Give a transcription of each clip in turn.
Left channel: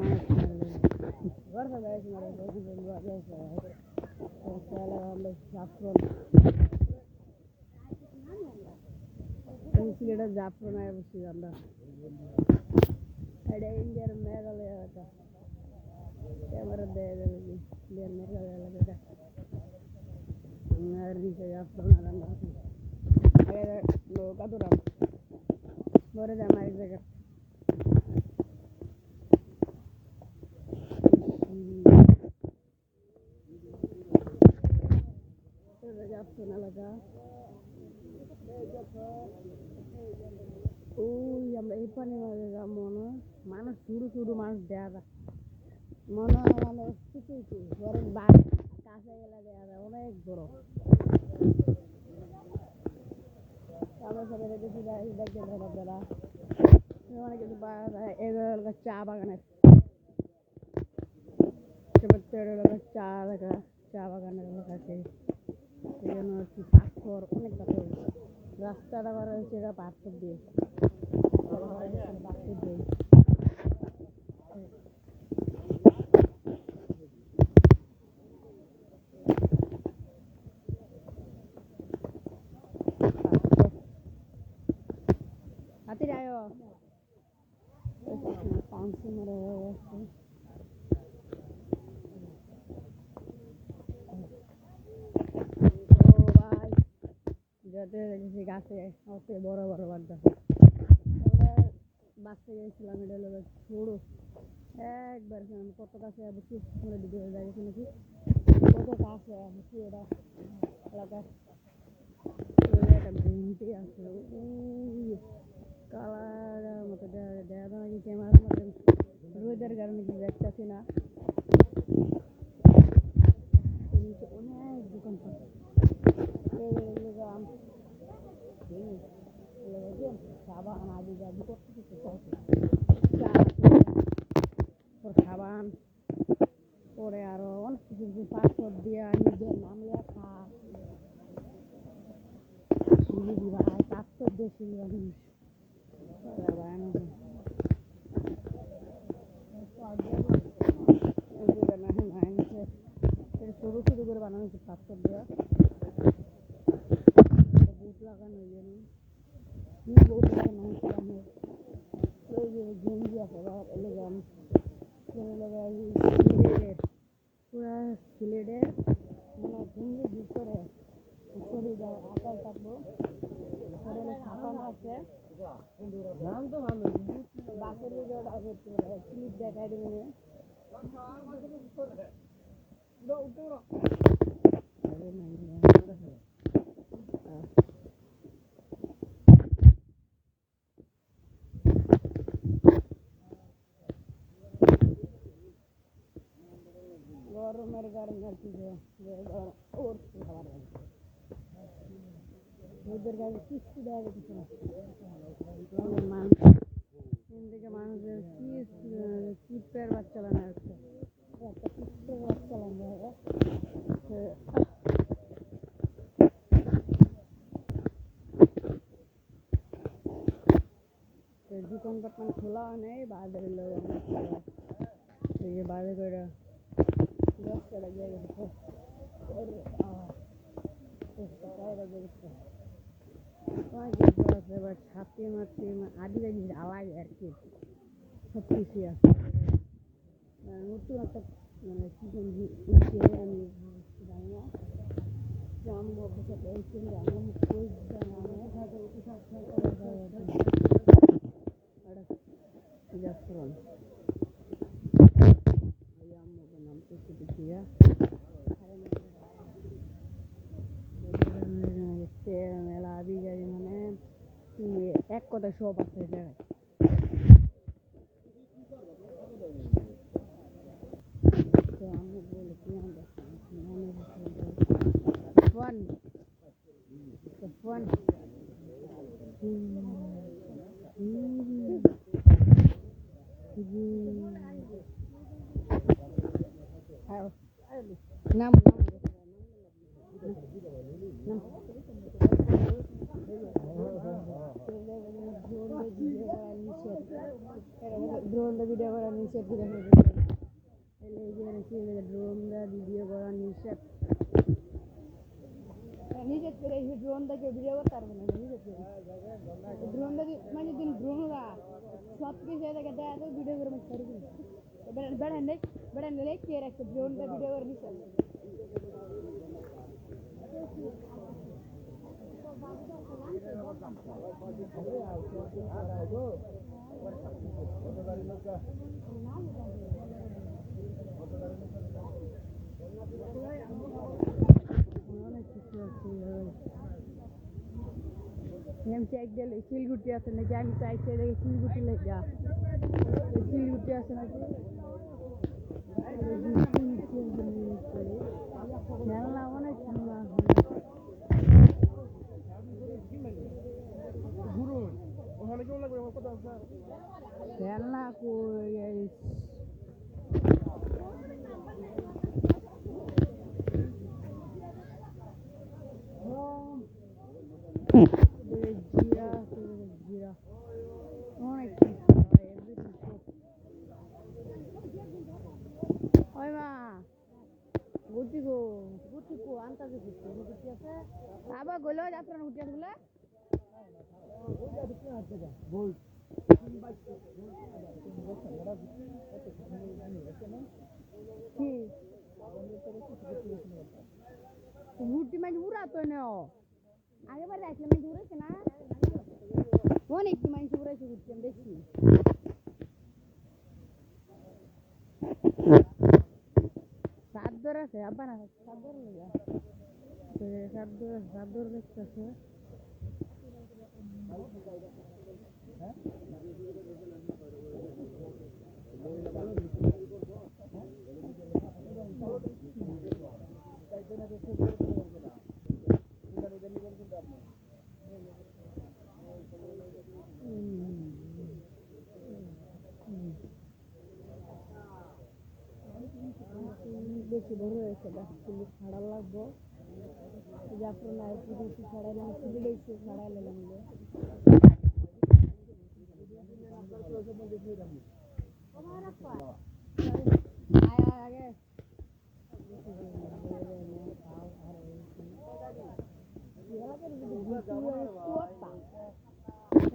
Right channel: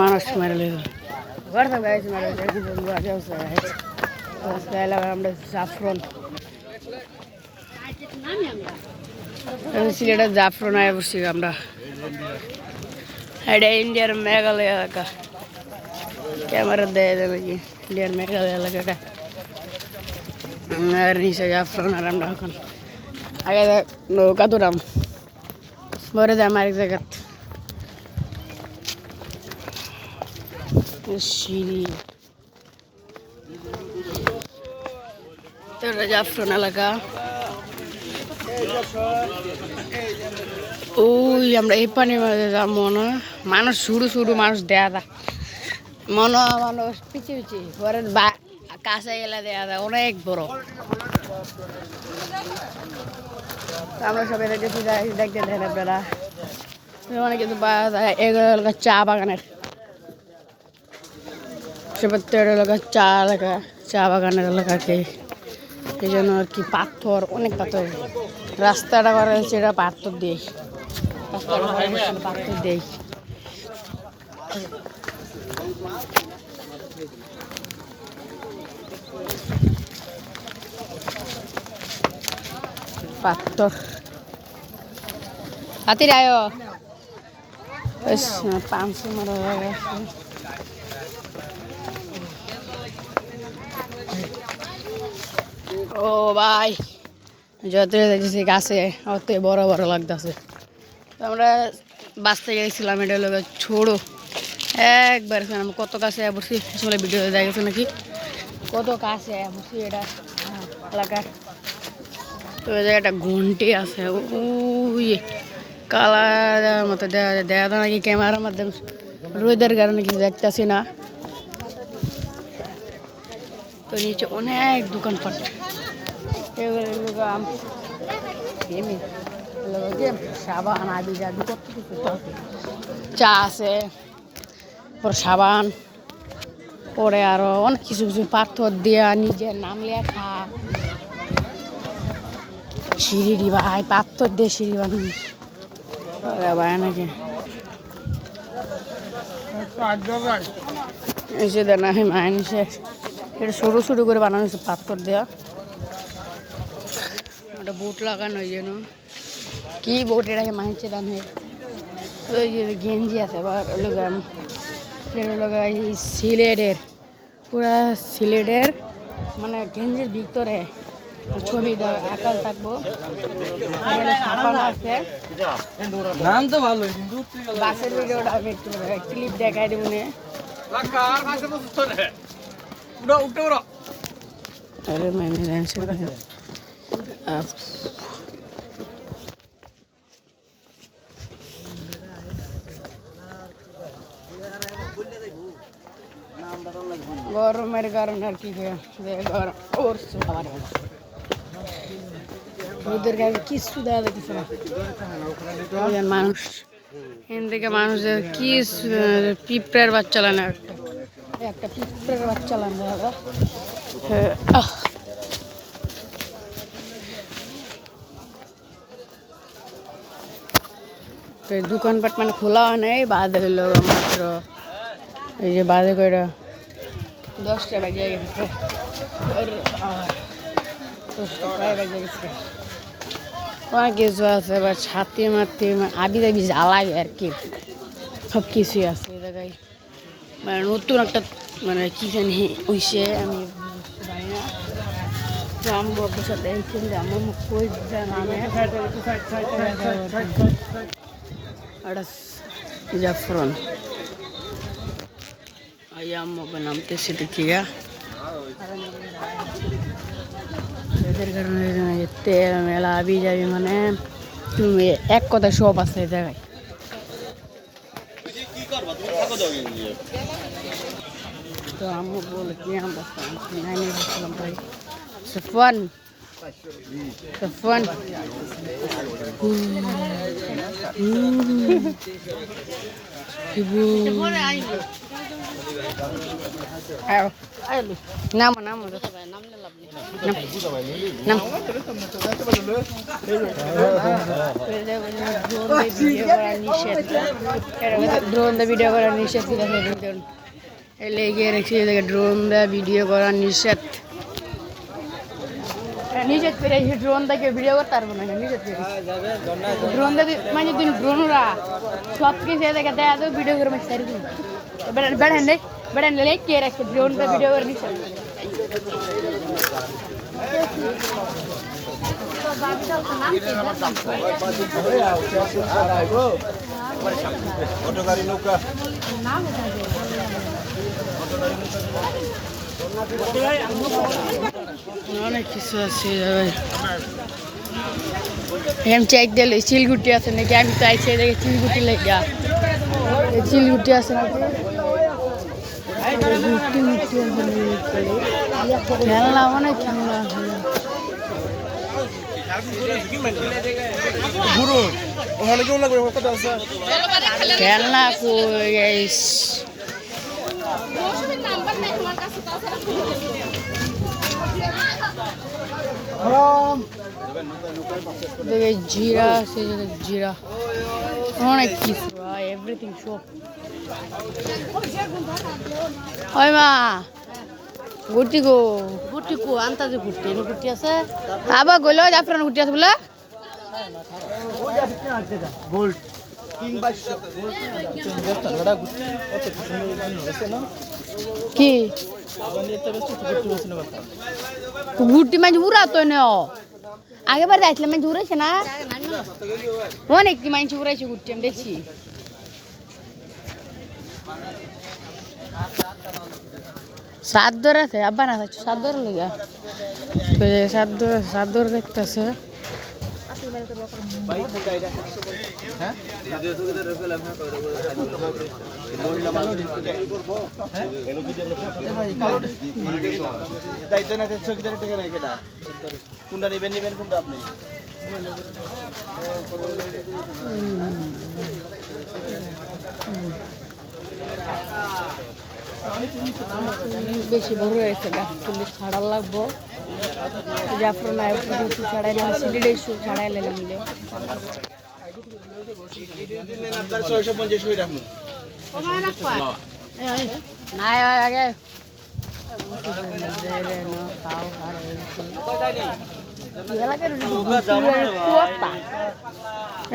মানুষ মেরে লেগে ঘর থেকে গাইছে মেরে আমরা জাফরন সিলেটের জাফরন আয় বসছি আমরা। এটা ইন্ডিয়ার মেঘালয় এলাকা, ক্যামেরা দেয় নাকি ইন্ডিয়ার মেঘালয় এলাকাটা। আর নিচে জাফরন আর আমরা এখন আগে নৌকা দুরাম পরে যাম আরেক জায়গা সিঁড়ি। জাফরন এলাকা ওই আমরা এই পানির মাঝে যাবো না, মানুষ শুরু শুরু মানুষ দেয়া দা মনে মানুষ পিছিয়ে পিছিয়ে পরে কাছে গেলে দেয়া দা অনেক বড়। আমরা সবাই দেখেছি দেখতে দেন আপনারা অনেক কিছু পাওয়া যায়। এগুলো এলাকা চা বাগানের এলাকা চা বাগানের এলাকাকে এই জন্য আর কি পাথর অনেক পাথর রাস্তাটা করা হয়েছে, এটা পাথর দিয়ে পাথর দিয়ে পাথর হাতির আয় 500 মারা হয়ে গেছে। ও ভাই যত দেখছি গাছে অত বড় বড় লাগতেছে। আমরা বাঁচতে গেছিলাম, এটা হলো ছোড়ো একবার আমি কত কাছে বসছি আসলে ভিডিও দেখা গেছে নাকি কত কাছে বসছি এটা এলাকার। তো একটা ঘন্টি আছে ওই কালার মতো দেখা নাকি ক্যামেরার মাধ্যমে রোদের কারণে কিছু দেখতেছি না। তো নিচে অনেক দোকানপাট সাবান আদি যাবি কত কিছু চা আছে, সাবান পরে আরো অনেক কিছু কিছু পাথর দিয়া নিজের নাম লেখা সিঁড়ি ভাই পাথর দিয়ে সিঁড়ি বানানো ভাই নাকি এই যে দেন মাইনসে এটা সরু সরু করে বানানো হয়েছে পাথর দেওয়া। ওটা বোট লাগানো যেন কি বোট এটাকে মাইনছে দাম ওই যে গেঞ্জি আছে সিলেটের পুরা সিলেটের মানে গেঞ্জির ভিতরে ছবি আকাল থাকবো আছে বাসের ভিডিওটা আমি একটু ক্লিপ দেখাই দেবো নে। अरे मैंने গরমের কারণে আর কি গরম করছে রোদের কারণে কিছু দেওয়া দেখতেছে না মানুষ এখান থেকে মানুষের কি পিঁপড়ের বাচ্চা লানে একটা পিঁপড়ের বাচ্চা লানে দাদা। দোকানপাট মানে খোলা হয় নাই বাদে হলো মাত্র এই যে বাদে করে 10টা বাজে গেছে অনেক কিছু আছে বা ছাতি মাতি আবি দাবি জ্বালায় আর কি সব কিছুই আছে এই জায়গায়। মানে নতুন একটা মানে কি জানি হইছে আমি জানি না। তো আমি বাবুর সাথে এইখান যে আমার মুখ কই নামে জাফরন আম্মু নামতেছি দেখিয়া এদের কারণে তেল মেলা আবি যাবি মানে তুমি এক কথা সব আছে এই জায়গায়। তো আম্মু বলে কি আমরা বলছিলাম ভাই ফোন ফোন নাম নাম নাম ড্রোন দিয়ে ভিডিও করা নিষেধ লেগে রেখেছি ড্রোন দিয়ে ভিডিও করা নিষেধ নিষেধ করে ড্রোন দেখে ভিডিও করতে পারবো না নিষেধ করে ড্রোন দিয়ে মানে দিন ড্রোনরা সব কিছু দেখে দেয় ভিডিও করে মানে সারি বেড়ান কে রাখছে ড্রোন দিয়ে ভিডিও করে নিষেধ অনেক কিছু আছে এম চেক দিলে চিলগুটি আছে নাকি আমি তো আইসি দেখে চিলগুটি লেগা চিলগুটি আছে নাকি খেলনা অনেক খেলনা আছে খেলনা কই গাইস দেখে জিরা আছে জিরা অনেক কিছু ভাই এভরিথিং সব ওই মা গুটি গো আন্তাজে গুটি আছে আবার গইল জাফরান গুটি আছে বলে গোল্ড কি গুটি মানে উড়া তো আগেবার যাইছিলাম মানে উড়াইছে না অনেক মানুষ উড়াইছে গুটি আমি দেখছি সাদর আছে আব্বা না সাদর লেগা সাদর দেখতেছে বেশি বড় হয়েছে গাছ তুলি ছাড়া লাগবো জাফরান ছাড়াই সিলিডে ছাড়াই লেগে মিলে আগে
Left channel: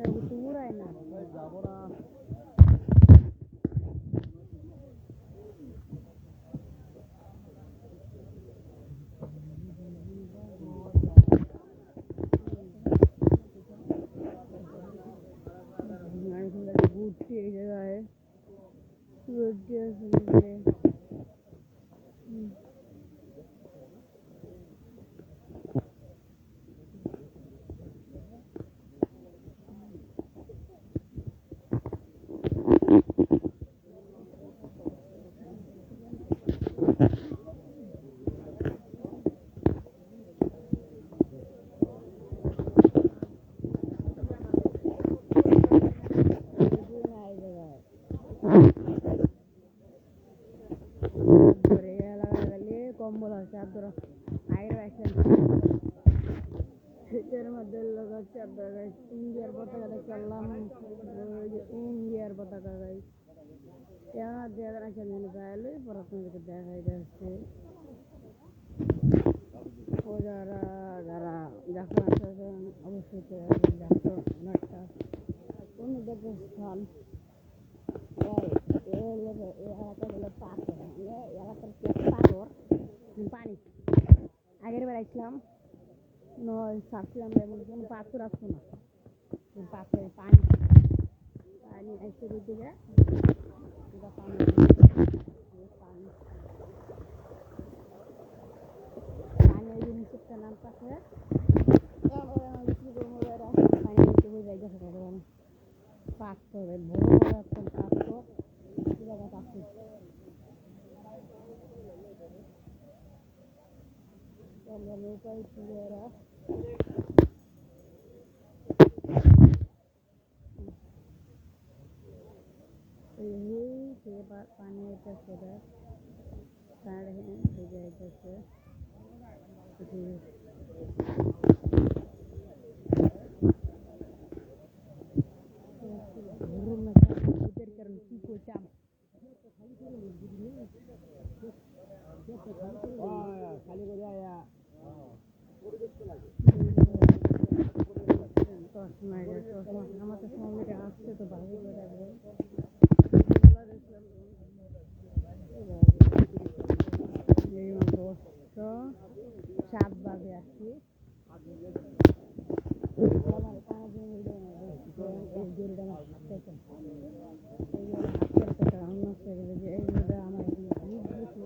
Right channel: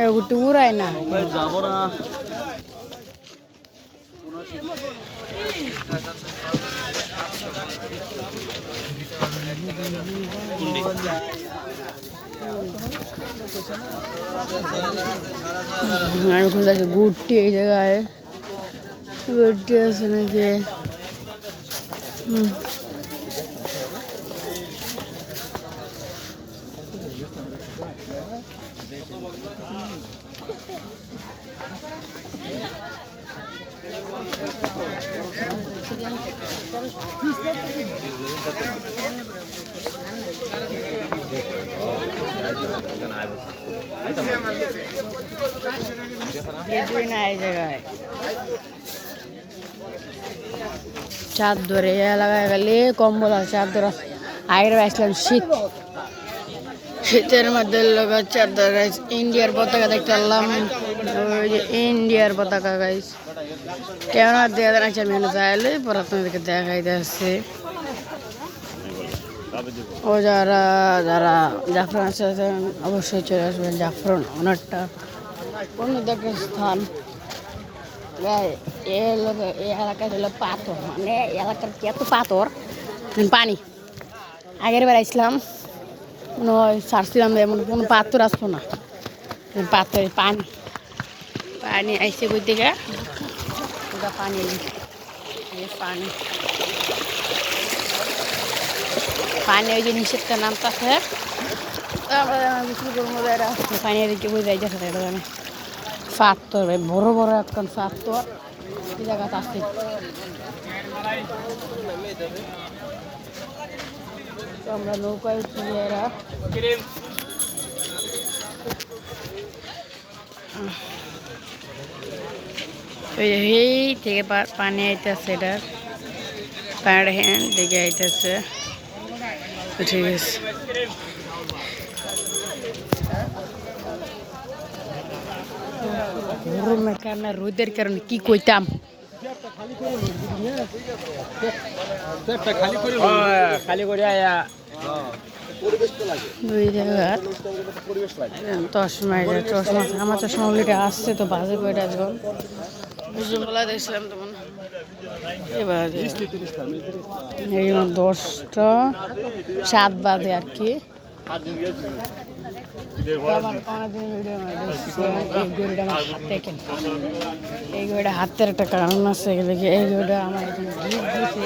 গুটি উড়াই না গুটি এই জায়গায় গুটি আছে নাকি চাদর লাগাই গেলে কম্বল আছে চাদর আগের আসলাম শীতের মধ্যে লগা চাদর গাইস ইন্ডিয়ার পতাকা দেখতে পারলাম ওই যে ইন্ডিয়ার পতাকা গাইস কেমন দেখা যাচ্ছে আমি চাইলে পরে আপনাদেরকে দেখাই যাচ্ছে ও যারা যারা জাফরান আছে অবশ্যই চলে আসবেন জাফরান অনেকটা অন্য একটা স্থান এই এলাকায় হলো পাথর মানে এলাকার এত পাথর পানি আগের বার আসলাম ছাড়ছিলাম এমন কোনো পাথর আসতো না পাথর পানি পানি আইসে বই থেকে ওটা পানি পানি পানি ওই যে নিষেধটা নামতেছে বিক্রি করবো পানি দেখে বই যাই যাচ্ছে পাথর বড় বড় এখন পাথর এই জায়গা আছে আমরা নৌকায় উঠি এরা এই থেকে পানি আইতেছে এটার পাড় হ্যান্ড দিকে আইতেছে ঠিক আছে গরমের কারণে রোদের কারণে কি কইতাম খালি করে আয়া ওই জায়গার চশমা আমার চশমা অলরেডি আসছে তো বাজে কয়টা যখন বিশ্ববেলা দেখছিলাম তখন এবার এই 10টা 7 বাজে আর কি আমার অনেকদিন ভিডিও এই ঘড়িটা আমার হাতে কেন এই ঘড়িটা হাতের একটা কারণ আছে এই ঘড়িটা আমার গিফট দিয়েছে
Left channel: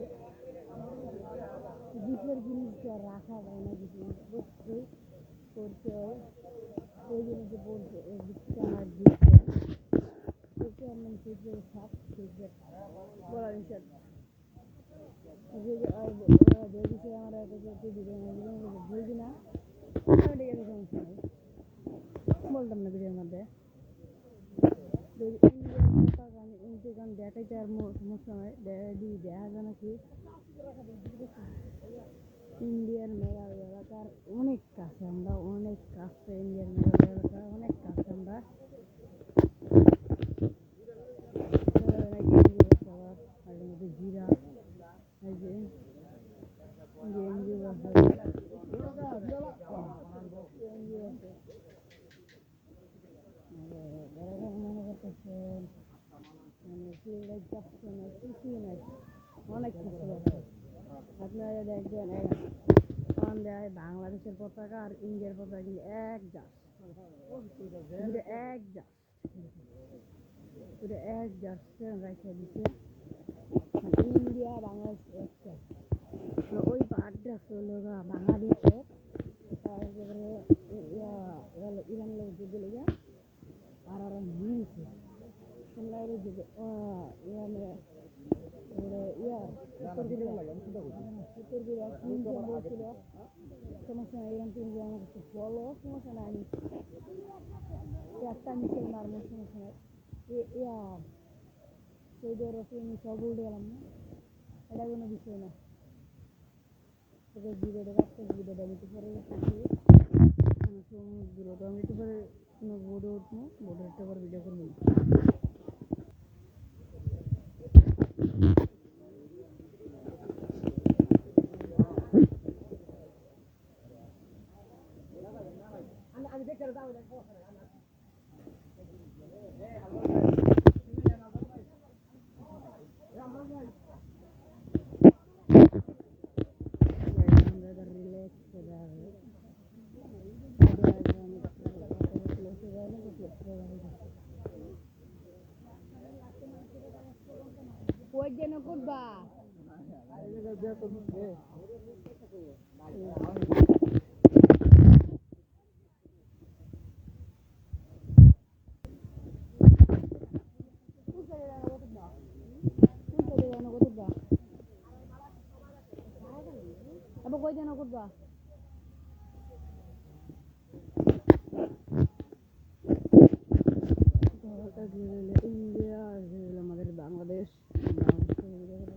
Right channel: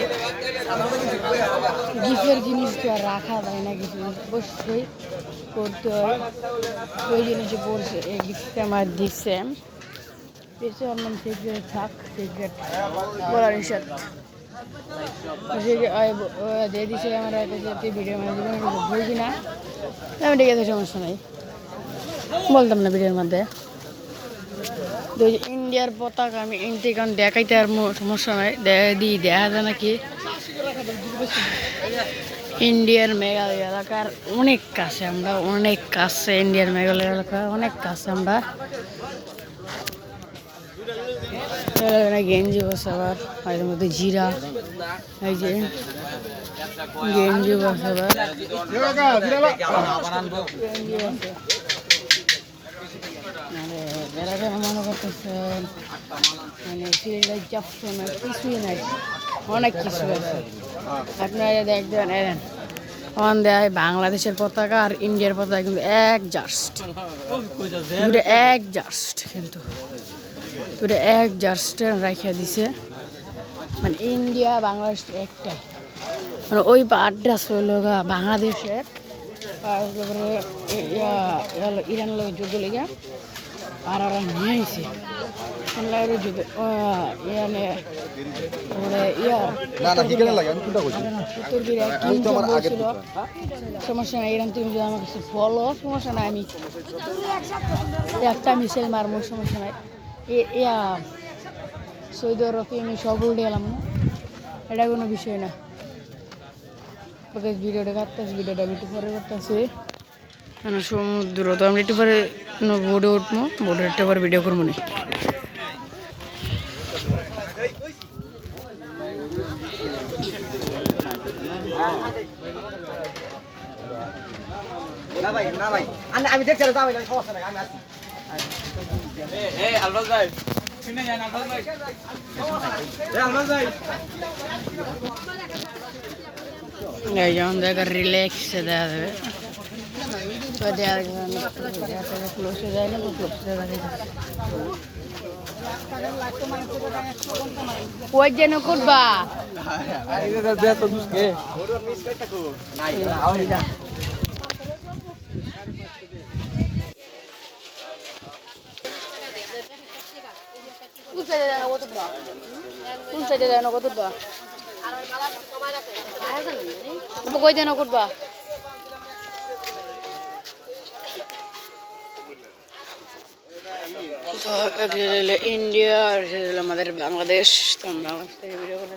গিফটের জিনিস তো আর রাখা যায় না কিছু জিনিস অবশ্যই করতে হয় ওই জিনিসে পড়ছে এই গিফটটা আমার দিচ্ছে পেয়েছে ওর নাম সিক্রেট থাক সিক্রেট বলার হিসাব দিয়ে দিচ্ছে আমার ভিডিও মানে বুঝি না আমি ঠিক আছে সমস্যা নাই বলতাম না ভিডিওর মধ্যে ইন্ডিয়ার পতাকা আমি ইন্ডিকান দেখাইতে আর সমস্যা নাই দেখা যায় নাকি ইন্ডিয়ার মেঘালয় এলাকার অনেক কাছে আমরা অনেক কাছে ইন্ডিয়ার মেঘালয় এলাকা অনেক কাছে আমরা গেঞ্জি বসে আবার এর মধ্যে জিরা এই যে গেঞ্জি বসে আবার গেঞ্জি বসে মানে বেড়াটা মনে করতেছেন মানে সিলেটের যাচ্ছেন কিছুই নাই অনেক কিছু আছে আপনারা দেখবেন অন দেয় বাংলাদেশের পতাকা আর ইন্ডিয়ার পতাকা কিন্তু এক জাস্ট কিন্তু এক জাস্ট রাখিয়া দিছে মানে ইন্ডিয়া বাংলাদেশ একটাই মানে ওই অ্যাড্রেস হইল বাংলাদেশের ইরান লোক যুদ্ধ লেগে আর ওরা নিয়ে আইছে যুদ্ধ ইয়ানে বলছিল সমস্যা নাই ইরান তুমি যদি আমার কাছে বলো সমস্যা নাই আমি একটা মিসাইল মারমো সমস্যা নাই ইয়া সৌদি আরবে আমি সব উল্টে গেলাম না এটা কোনো বিষয় না ওকে ভিডিওটা কাটতেছি ভিডিওটা আমি একটু পরে করতেছি সমুদ্র তো আমি একটু পরে বোর্ডে উঠবো বোর্ডে একটু পরে ভিডিও করবো না আমি দেখছি সমস্যা নাই আমি আসছি আলবাজ ভাই শুনে যান আলবাজ ভাই আলবাজ ভাই এই যেমন দেখা রিল্যাক্স দেওয়া যাবে ক্লোজে যায় না ক্লোজে কই যেন করবা কই যেন করবা ইন্ডিয়া আর আমাদের বাংলাদেশ ভিডিও করে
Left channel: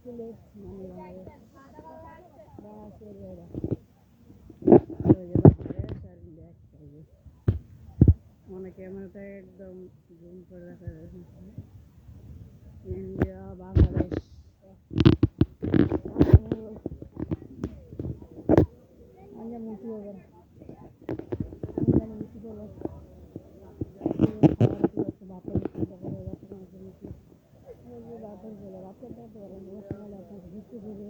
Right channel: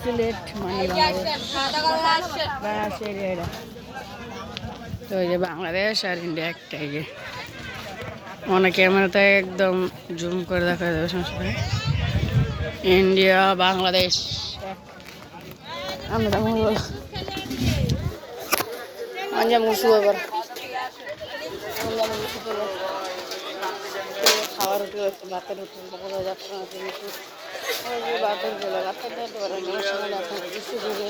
সিলেট মানে বাংলাদেশ এরিয়াটা তো এই যে বাংলাদেশ আর ইন্ডিয়া একটাই মনে ক্যামেরাতে একদম জুম করে দেখা যাবে সমস্যা নেই ইন্ডিয়া বাংলাদেশ আমরা আঞ্জাম গুছু এবার খাওয়ার রুটি হচ্ছে ভাতের রুটি ভাতের গুলো ভাতের দিতে পারেন সময় আপনাকে কিছু করে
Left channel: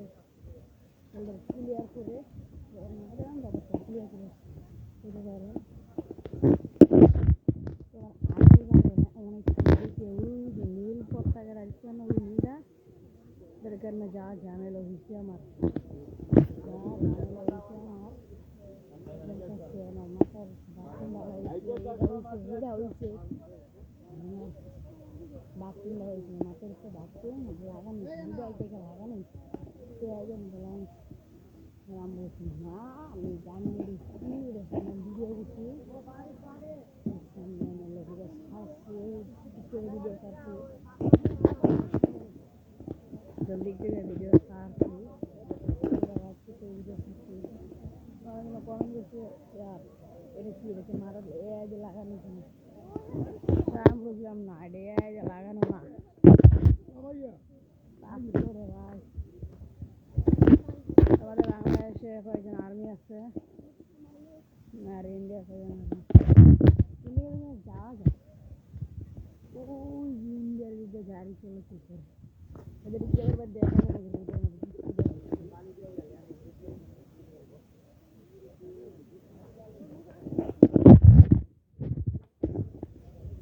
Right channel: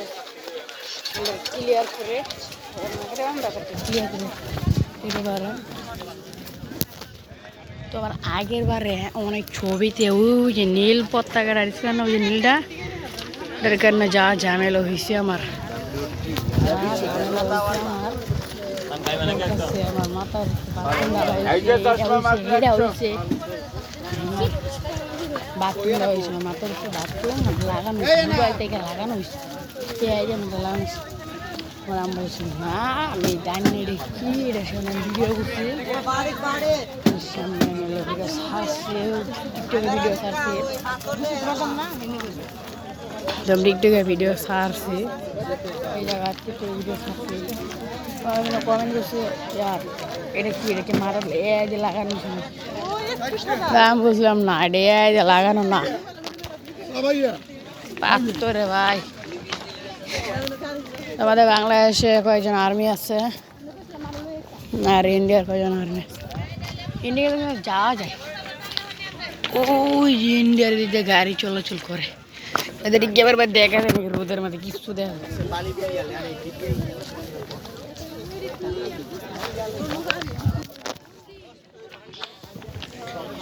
ক্লিয়ার করে আমরা ক্লিয়ার করে দিতে পারেন তো আমার আগের বারে অনেক ছবিতে ওই যে নীল পতাকা আসছিল না ওই যে নীলটা এটার কারণে যা ঝামেলা হয়েছে আমার আমার মাথার বাথরুম হয়েছিল মাথার উপরে বাথরুম লাগানো মোবাইল থেকে লাগানো হয়েছে লাগানো হয়েছে আমার আম বলছি না আমি জানি কি এটা শুনে ভিডিও করছি সামনে ছাড়ছে টিকটকে ভিডিও ছাড়ছে টিকটকে ভিডিও ছাড়ছি এই জায়গা থেকে ভিডিও ছাড়ছি কমেন্ট করছে ইয়ার এটা কি এটাকে মারাল এ যে লাগানো ছিল আমি বুঝলাম না এটা এ যে লাগানো না পাত্তরে ভাই আমাদের বাংলাদেশে কয়েকজন আর্মি আছে আর ইন্ডিয়ার কয়েকজন আর্মি আছে ইন্ডিয়া যাওয়া যায় ওই ইন্ডিয়ার দিকে গাড়ি চলাচল করে এদের গেবার বাদ দেখা যায় নাকি রোদের মধ্যে কিছু দেখা যাচ্ছে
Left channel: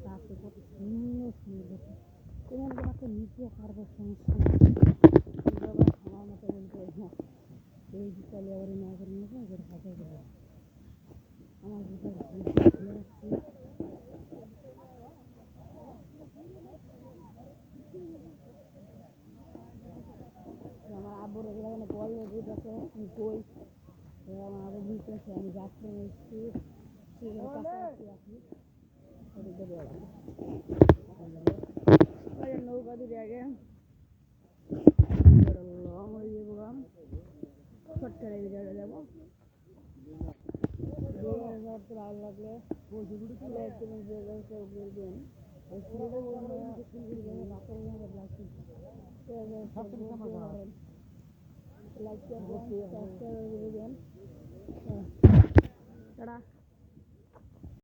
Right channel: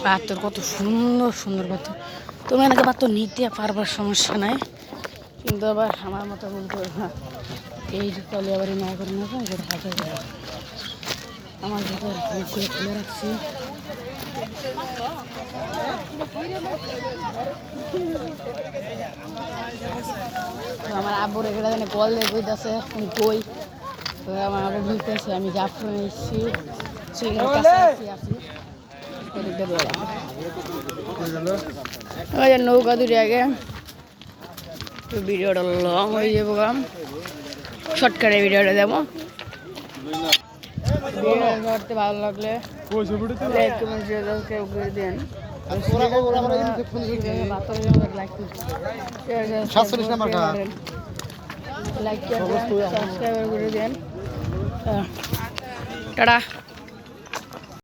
পাথর কত সুন্দর সুন্দর পাথর তুমি এনাকে পাথর নিতে পারবার সমস্যা নাই কিন্তু আবার আমার মতো ভুল করে না এই জুতালি আবার না করে না যেটা হাতে দেওয়া আমার জুতার মুখগুলো খুলে রাখছি আমার আব্বুর এগুলো কল দিয়ে কইতেছে আমি কই আমার আব্বু বুঝতেছে আমি জাফরান এসেছি সিলের কাছাকাছি আছি নৌকা দুটি আগে ভিডিওটা লং হয়ে যাবো শর্টকাটে ভিডিওটা দেবো ভিডিওটা ভালো লাগলে লাইক কমেন্ট শেয়ার সাবস্ক্রাইব করে দেন লাইক সাবস্ক্রাইব করে দেন টাটা